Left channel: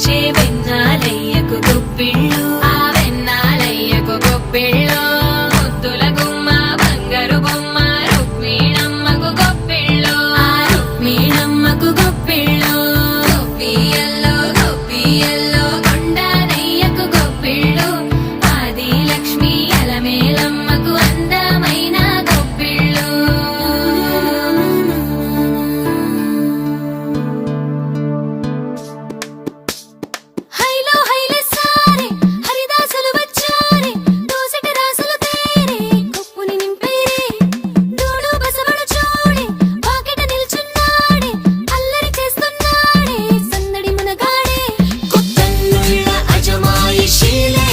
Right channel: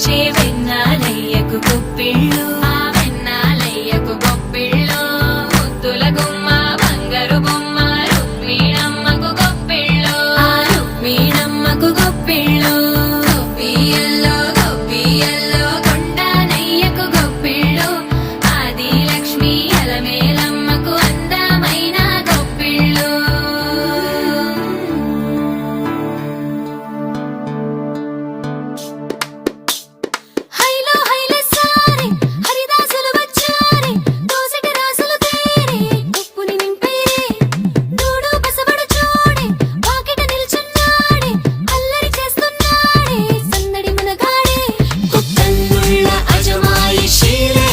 తెచ్చే వెన్నాలయ్యకు గొప్పిళ్ళు ఆ వెన్నాలయ్యకు గొప్పిళ్ళు ముద్దుల గుమ్మ బంగారు బొమ్మ రుక్మిణమ్మకు గొప్పిళ్ళు ఆ రుక్మిణమ్మకు గొప్పిళ్ళు గొప్పియల్లో గొప్పియల్లో కొండానయ్యకు గొప్పిళ్ళు ఆది లక్ష్మి అలమేలమ్మకు అందమైన గొప్పిళ్ళు హైలో హైలే సారే హరిదాసులు వచ్చారే దోసటి రాసులు తేరే కొప్పుని నింపేరే దూడు బసవడు చూడే పాకెట నిల్చున్నాడే అల్లరి చేస్తున్నాడే సందడి మునగాడే కొత్తన్నుళ్ళ అజమాయిషీలే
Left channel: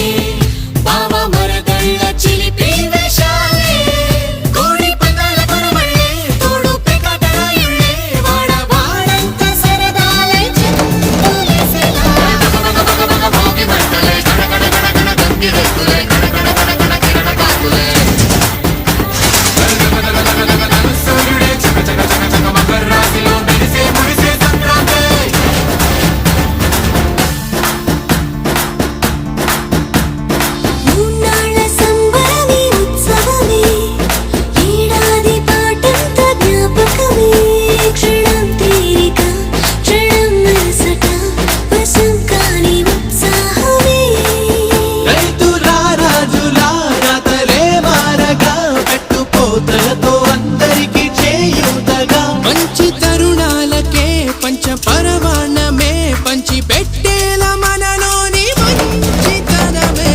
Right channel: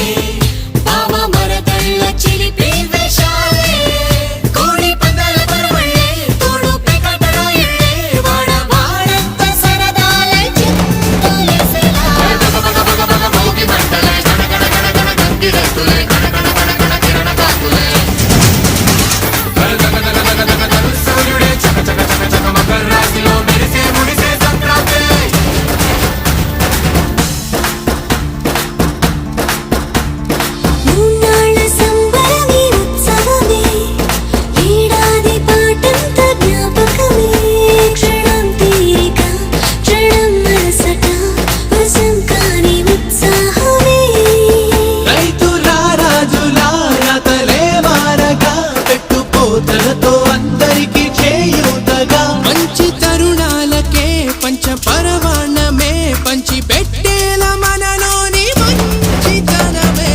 బావ మరదళ్ళ చిలిపి వేషాలే కోడి పందాల కొరవళ్ళే తోడు పెకటల ఇళ్ళే వాడ వాడంత సరదాలే చెంతులేసేలా భోగి మంటలే కణ కణ కణ కణ గంగిరెద్దులే కణ కణ కణ కణ కిరణ కాకులే సూర్యుడే చక చక చక చక మకర రాశిలో మెరిసే మురిసే సంక్రాంతి మూన్నాళ్ళ సంబరమే ఉత్సవమే ఏడాది పాటంత జ్ఞాపకమే క్షణం తీరిక క్షణం మనసట వశం కాని ఉత్సాహమే రైతులా రాజులా రాతలే మారగా పెట్టుపోతలతో అందరికీ చేయూతగా మంచి తరుణాలకే పంచ పరమాణమే పంచి పెట్టేల మనలోని మంచితనమే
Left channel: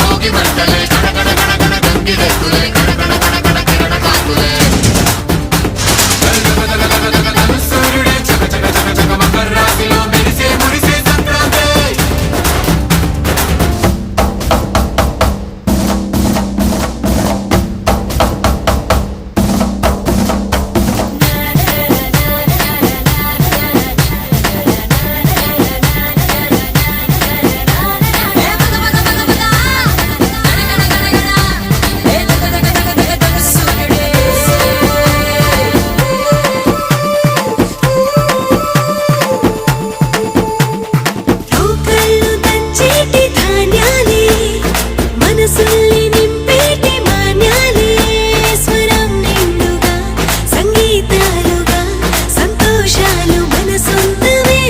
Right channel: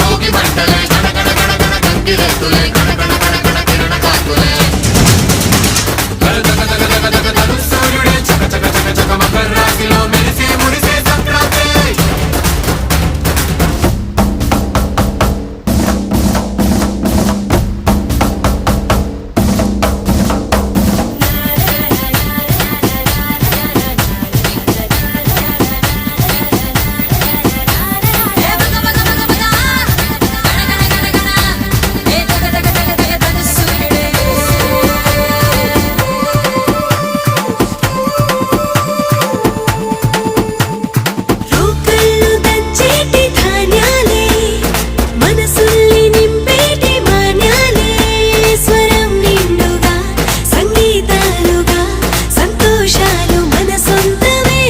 భోగి మంటలే కణ కణ కణ కణ గంగిరెద్దులే కణ కణ కణ కణ కిరణ కాకులే సూర్యుడే చక చక చక చక మకర రాశిలో మెరిసే మురిసే సంక్రాంతి రోకళ్ళు దంచేటి ధాన్యాలే మనసుల్ని నింపేటి మాన్యాలే స్వరం నిండుగా సంగీతాలుగా సంతోషాలు మన సొంతమే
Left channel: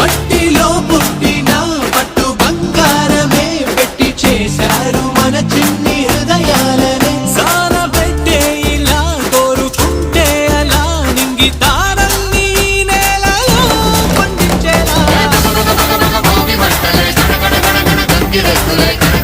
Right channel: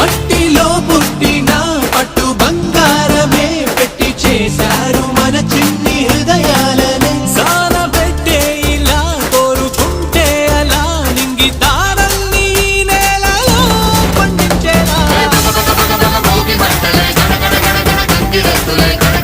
మట్టిలో పుట్టిన పట్టు బంగారమే పెట్టి చేశారు మన చిన్ని హృదయాలనే సాన పెట్టే ఇలా కోరుకుంటే అలా నింగి తారల్ని నేలలో పండించేలా భోగి మంటలే కణ కణ కణ కణ గంగిరెద్దులే కణ